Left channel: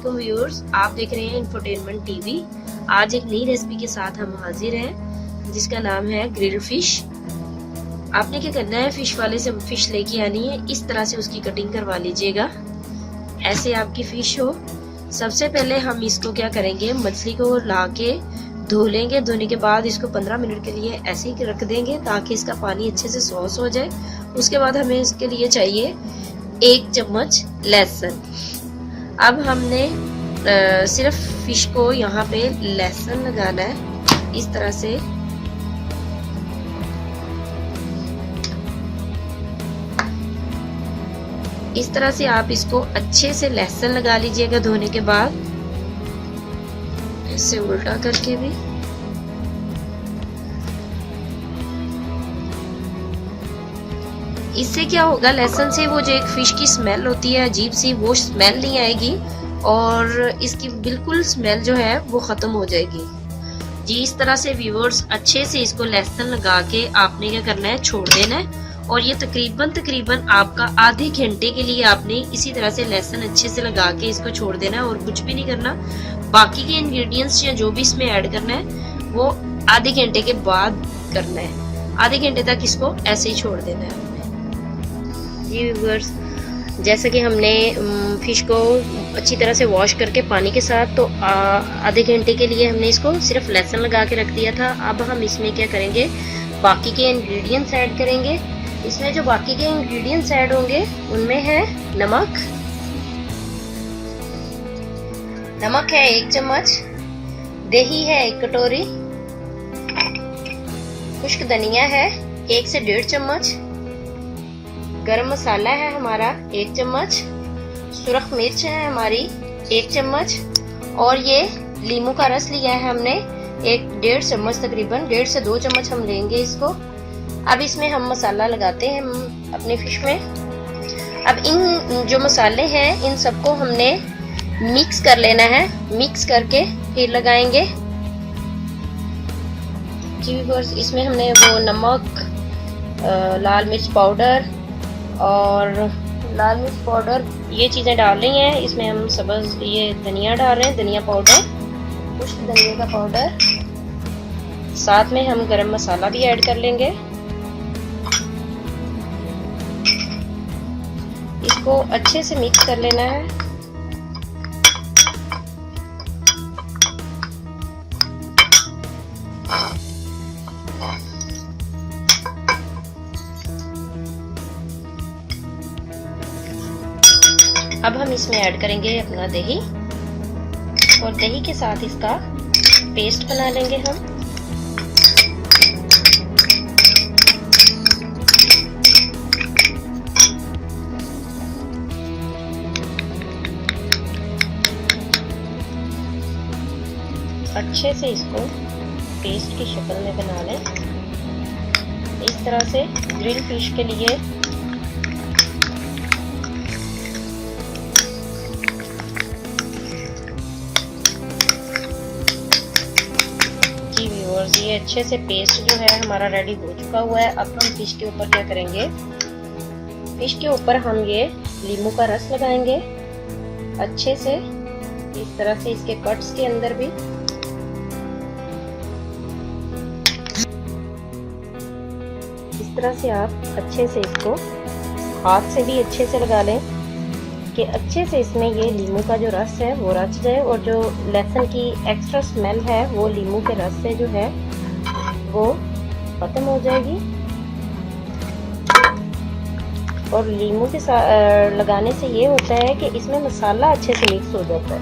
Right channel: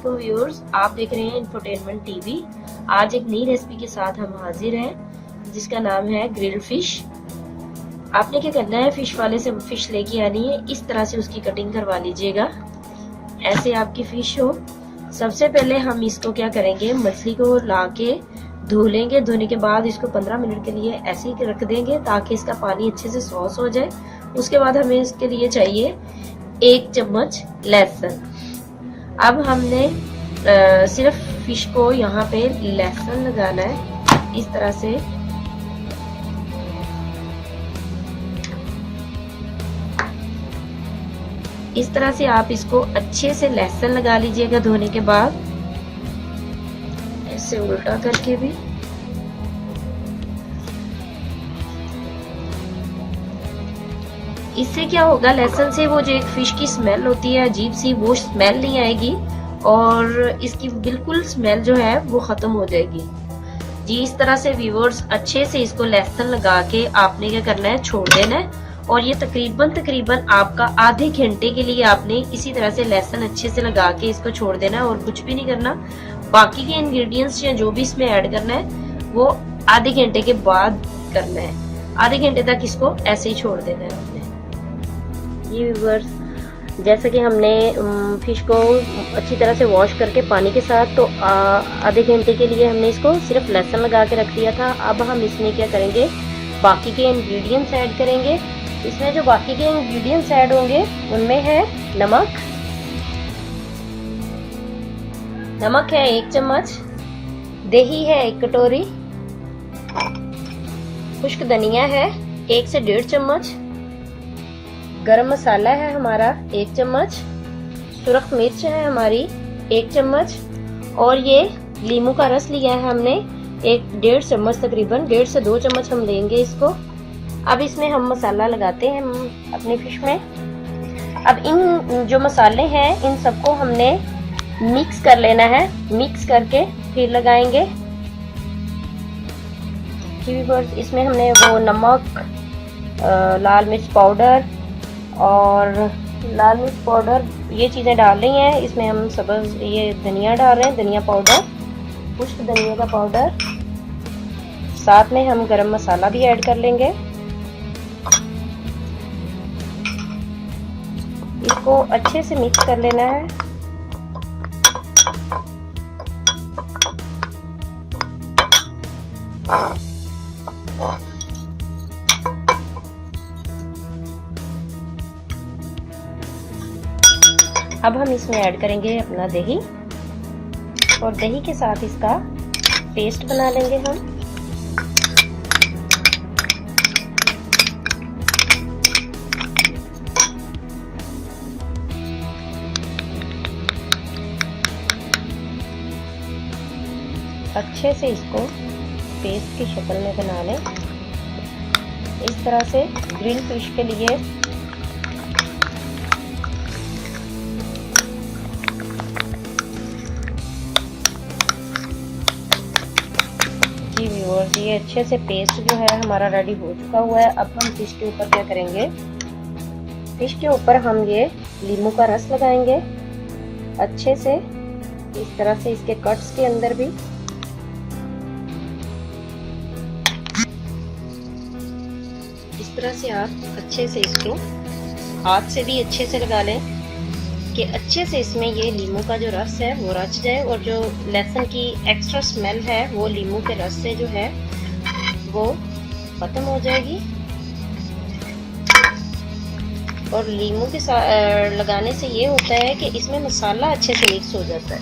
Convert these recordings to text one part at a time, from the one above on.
अस्सलामुअलैकुम व्यूअर्स, आप देख रहे हैं इंफोटेनमेंट टीवी। आज एक नई रेसिपी के साथ हम हाजिर हैं जिसका नाम है ग्रिल्ड फिश। आपने क्या करना है, फिश वाले से फिश लेके आनी है, इस तरह से उसकी कटिंग करवा लीजिएगा। ऐसे आपकी फिश हो। सबसे पहले हम इसको क्या करेंगे, मछली को ला के धो लेंगे। धोने के बाद इसको 15 मिनट के लिए ऐसे ही रख देंगे ताकि इसका पानी अच्छे से सॉस हो जाए। उसके बाद हमें इसके लिए चाहिए 1 चम्मच लहसुन। अब हमने सिर्फ फिश को यहाँ पे लहसुन लगाना है इस तरह से। इस तरह से आप इसको अच्छे से लहसुन लगा लीजिएगा धोने के बाद, ऐसे उल्टा करके भी। इससे क्या होगा, लहसुन से वो जो एक फिश की स्मेल होती है अजीब सी, वो स्मेल नहीं आएगी और इसकी बिल्कुल स्मेल जो है वो खत्म हो जाएगी जी। इस तरह से व्यूअर्स अच्छे से इसको लहसुन लगा के आपने क्या करना है, छोड़ देना है। और ये तकरीबन आपका आधे घंटे के लिए आपने इसी तरह से लहसुन अच्छे से लगा के इसको छोड़ देना है और कुछ भी नहीं करना। बाकी के इंग्रेडिएंट्स या जो भी इसमें ऐड करना है वो आधे घंटे के बाद करना है। आधे घंटे तक इसको ऐसे ही छोड़ देना है जी व्यूअर्स। जैसे कि हमने फिश को अच्छी तरह से वॉश करके पानी के साथ, तो आधे घंटे के लिए हमने इसको सिर्फ लहसुन लगा के रख दिया था। अब हम इसमें क्या करेंगे, बाकी के इंग्रेडिएंट्स ऐड करेंगे। इसमें जो बाकी के इंग्रेडिएंट्स ऐड होंगे उनमें है नमक है 1 चम्मच, दही है 1 कटोरी, खुश्क धनिया है 1 से 1.5 चम्मच, गरम मसाला है हमारा 1 चम्मच, सुरख मिर्च है हमारी 1 चम्मच, और ये लीमू का रस लिया है हमने 1.5 चम्मच, तकरीबन 1.5 से 2 चम्मच हम लेंगे इसको। अब इसमें हम मसाला लगाते हैं हम अपने फिश में। अब इन जो मसाले हैं इन सबको हमने मिक्स कर लेना है, मिक्स करके फिर लगाएंगे जी व्यूअर्स। इसमें हमने वो नमक, लाल मिर्च पाउडर और लाल मिर्च पाउडर ये चीज़ें डाल रही हैं। इसमें हम सब्ज़ ये धनिया डाल रहे हैं, धनिया पाउडर, खुश्क धनिया का पाउडर, साथ में हम गरम मसाला भी ऐड कर लेंगे। इसको अच्छे से मिक्स कर लेना है। अब हम इसमें ऐड करेंगे अपना दही, और दही के साथ इसका पेस्ट बना लेंगे हम। अच्छे से इसको पेस्ट की शक्ल में बना लें। इस तरह से ग्रिल फिश के लिए जी व्यूअर्स, ये अच्छे से पेस्ट जो है हमारा रेडी हो चुका हुआ है। अब हम फिश के ऊपर क्या करेंगे, फिश के ऊपर हम ये लीमू का रस लगाएंगे अच्छे से, इस तरह से इसके कट्स के अंदर भी। इस तरह से आप अच्छे से इसको हाथ से भी अच्छे से लगा लें कि अच्छे से इसमें ये लीमू का जो रस है वो रच जाए, और जो लहसुन की एक्स्ट्रा स्मेल है वो लीमू के रस से जो है वो खत्म हो जाएगी। और लीमू के साथ लगाने से ये होता है कि इसमें मसाला अच्छे से मिक्स हो जाता है,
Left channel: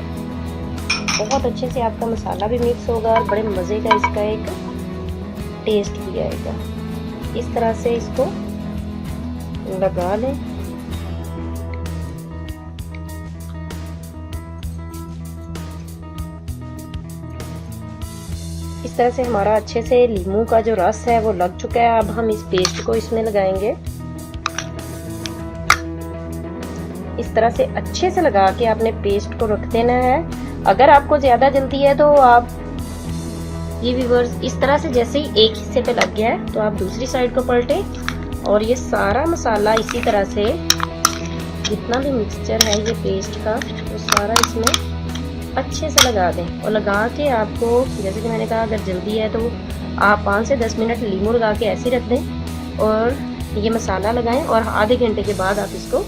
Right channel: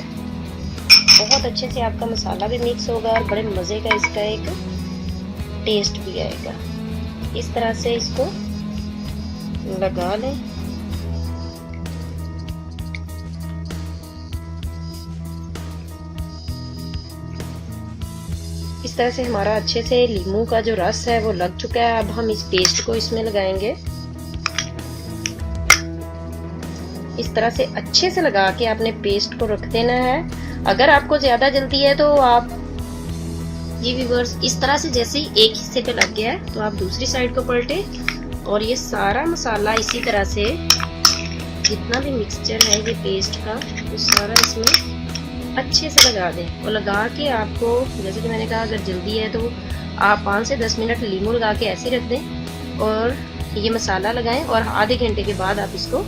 बहुत अच्छे से आपका मसाला भी मिक्स होगा और बड़े मज़े का इसका एक टेस्ट भी आएगा। इस तरह से इसको लगा लें। इस तरह से हमारा अच्छे से लीमू का जो रस है वो लग चुका है। अब हम इस पेस्ट को इसमें लगाएंगे। इस तरह से अच्छे से लगा के आपने पेस्ट को रख देना है। अगर आपको ज्यादा जल्दी है तो आप ये व्यूअर्स इस तरह से, जैसे ही एक हिस्से पे लग गया है तो आप दूसरी साइड को पलटे और ये सारा मसाला इसी तरह से जितना भी मिक्सचर है ये पेस्ट का वो सारा इसमें अच्छे से लगा दें। और लगा के आपको, जैसे कि मैंने कहा, अगर जल्दी है तो आप 5 से 10 मिनट लीमू लगा के ऐसे रख दें और ये मसाला लगाएं और आधे घंटे के बाद आप इसको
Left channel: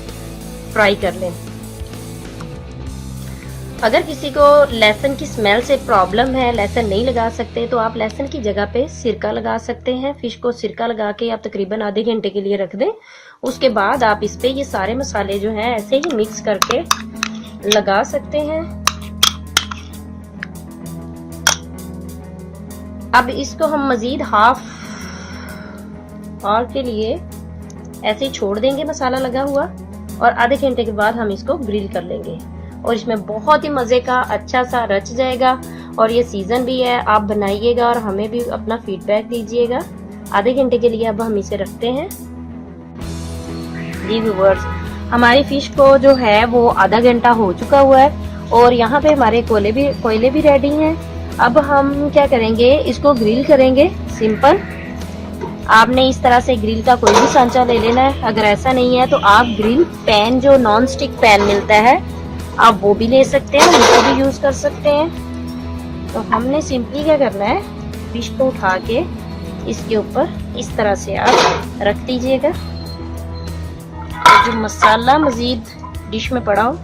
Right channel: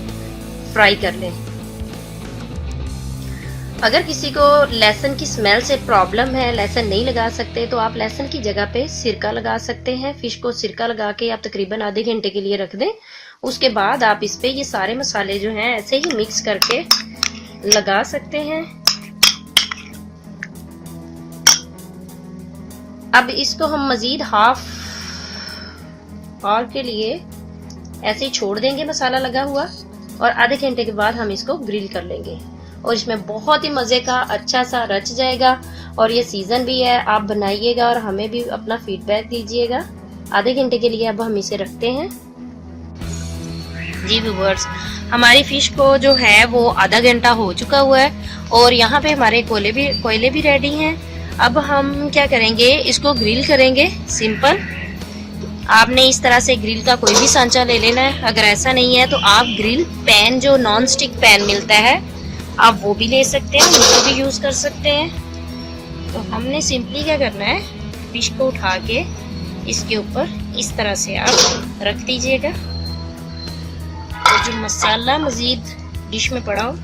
फ्राई कर लें। अगर किसी को लहसुन की स्मेल से प्रॉब्लम है, लहसुन नहीं लगा सकते, तो आप लहसुन की जगह पे सिरका लगा सकते हैं। फिश को सिरका लगा के आप तकरीबन आधे घंटे के लिए रख दें। उसके बाद आप इस पे ये सारे मसाले जो हैं ऐसे ही मिक्स करके लगा सकते हैं। अब इसको हम मजीद हाफ आवर के लिए ऐसे ही छोड़ देंगे मसाला लगा हुआ, और आधे घंटे के बाद हम इसको ग्रिल कर लेंगे और इसमें बहुत ही मजे का अच्छा सा रच जाएगा। और ये सीजन भी है, आप बनाइएगा और हमें भी अपना फीडबैक दीजिएगा। आधे घंटे के लिए अब हम इसे रखते हैं। जी व्यूअर्स, हमारी फिश को जो है वो आधा घंटा हो चुका हुआ है और यहाँ पे हमारे कोयले भी रेडी हैं। अब हम क्या करेंगे, इसको ग्रिल करेंगे। सिंपल, आपने इस तरह से ग्रिल का कोई भी सांचा ले लेना है। अगर ऐसा नहीं है तो आप ग्रिल पैन, जो नॉन स्टिक पैन मिलता है, आप वो भी ले सकते हैं, उनको भी यूज कर सकते हैं। तो हमने सिंपली क्या करना है, फिश को उठा के इसके ऊपर इस तरह से आप रख दीजिएगा। और जो मसाला मजीद डिश में पड़ा हो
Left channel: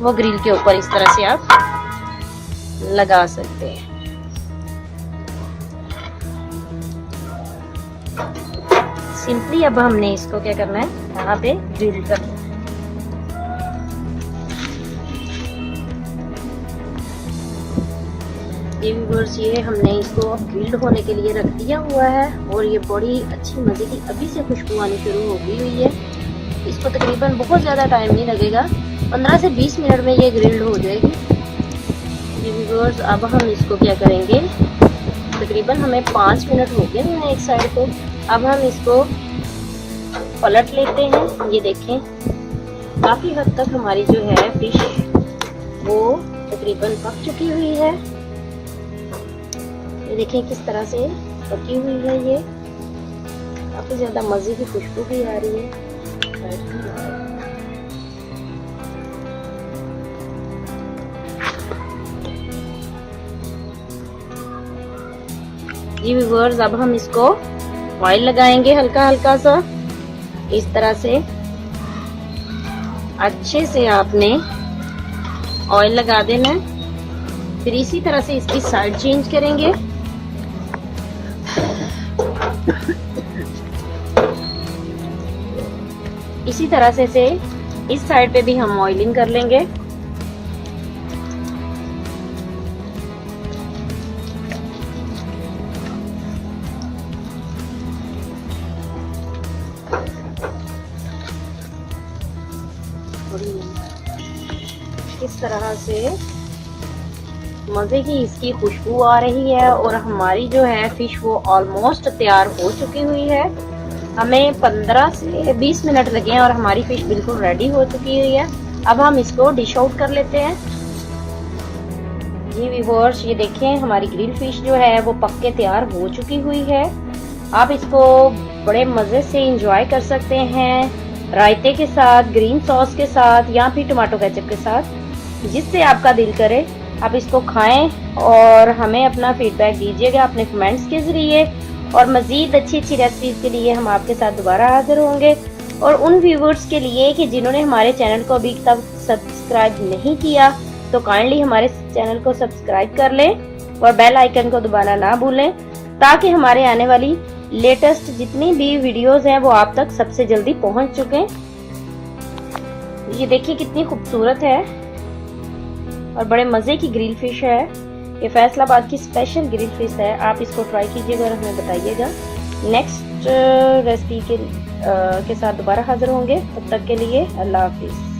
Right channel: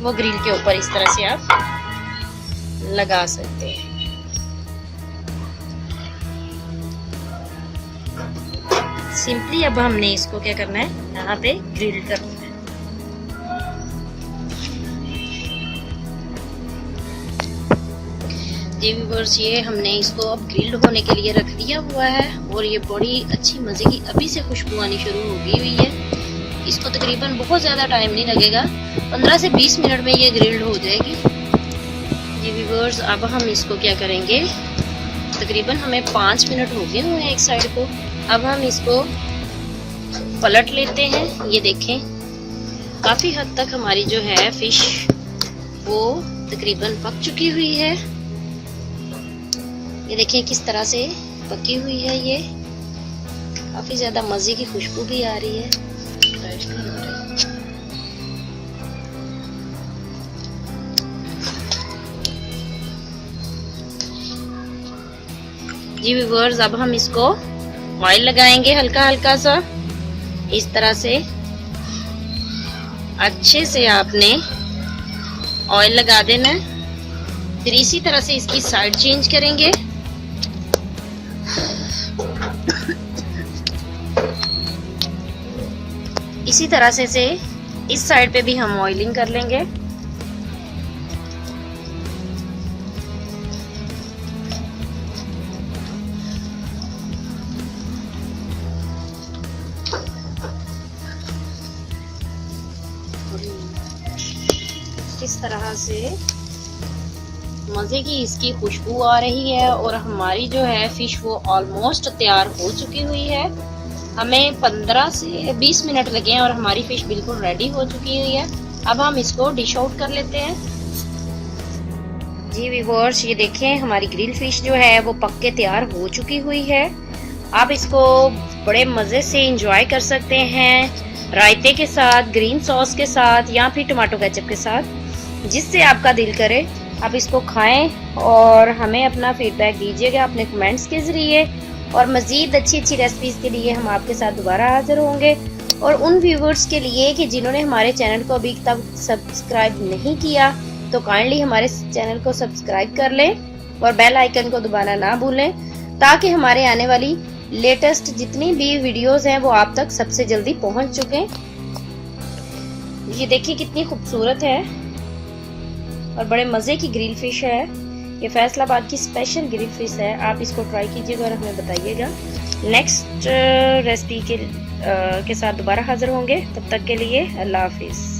वो ग्रिल के ऊपर इस तरह से आप लगा सकते हैं। सिंपली अब हमने इसको क्या करना है, यहाँ पे ग्रिल करना है। जी व्यूअर्स, ये हमने इसको अब ग्रिल्ड होने के लिए रख दिया हुआ है और ये बड़ी अच्छी मजे की अभी से खुशबू आनी शुरू हो गई हुई है। इसको तकरीबन बहुत ज़्यादा टाइम नहीं लगेगा, 15 से 20 मिनट में ये ग्रिल्ड हो जाएगी। जी व्यूअर्स, अब हम इसको क्या करेंगे, तकरीबन हमें 5 मिनट हो गए हैं एक साइड को। अब हम इसको पलट लेते हैं। ये देखें, काफ़ी हद तक हमारी जो है फिश वो तकरीबन पक चुकी हुई है। ये देखें किस तरह से पकी हुई है। ये काफ़ी ज़्यादा मज़े की खुशबू भी आ रही है। जी व्यूअर्स, अब हम इसको ऑयल लगाएंगे हल्का हल्का सा, इस तरह से अच्छे से आपने ऑयल लगा देना है। फिर इसी तरह से इसकी साइड चेंज करेंगे। इसी तरह से इस साइड पे भी हम ऑयलिंग कर लेंगे। किस तरह से मज़े की इसकी खुशबू आ रही है और हमारी जो है फिश वो ऑलमोस्ट तैयार हो चुकी हुई है। हमें 15 से 20 मिनट लगे हैं और हमारी फिश बिल्कुल रेडी हो चुकी हुई है। अब हम इसको डिश आउट कर लेते हैं। जी व्यूअर्स, ये देखें हमारी ग्रिल फिश जो है वो पक के तैयार हो चुकी हुई है। आप इसको बड़े मज़े से इंजॉय कर सकते हैं, रायते के साथ, ग्रीन सॉस के साथ या फिर टमाटो केचप के साथ, जिससे आपका दिल करे आप इसको खाएं और हमें अपना फीडबैक दीजिएगा अपने कमेंट्स के ज़रिए। और मज़ीद अच्छी अच्छी रेसिपीज़ के लिए हम आपके साथ दोबारा हाजिर होंगे। और उन व्यूवर्स के लिए कि जिन्होंने हमारे चैनल को अभी तक सब्सक्राइब नहीं किया, तो काइंडली हमारे चैनल को सब्सक्राइब कर लें और बेल आइकन को दबाना ना भूलें, ताकि हमारे आने वाली लेटेस्ट जितनी भी वीडियोस हैं वो आप तक सबसे जल्दी पहुंच चुके। ये देखिए कितनी खूबसूरत है और बड़े मज़े की ग्रिल फिश है। ये फैसलाबाद की स्पेशल ग्रिल फिश है। आप इसको ट्राई कीजिएगा और हमें बताइएगा। नेक्स्ट रेसिपी के साथ दोबारा हाजिर होंगे। तब तक के लिए अल्लाह हाफिज़।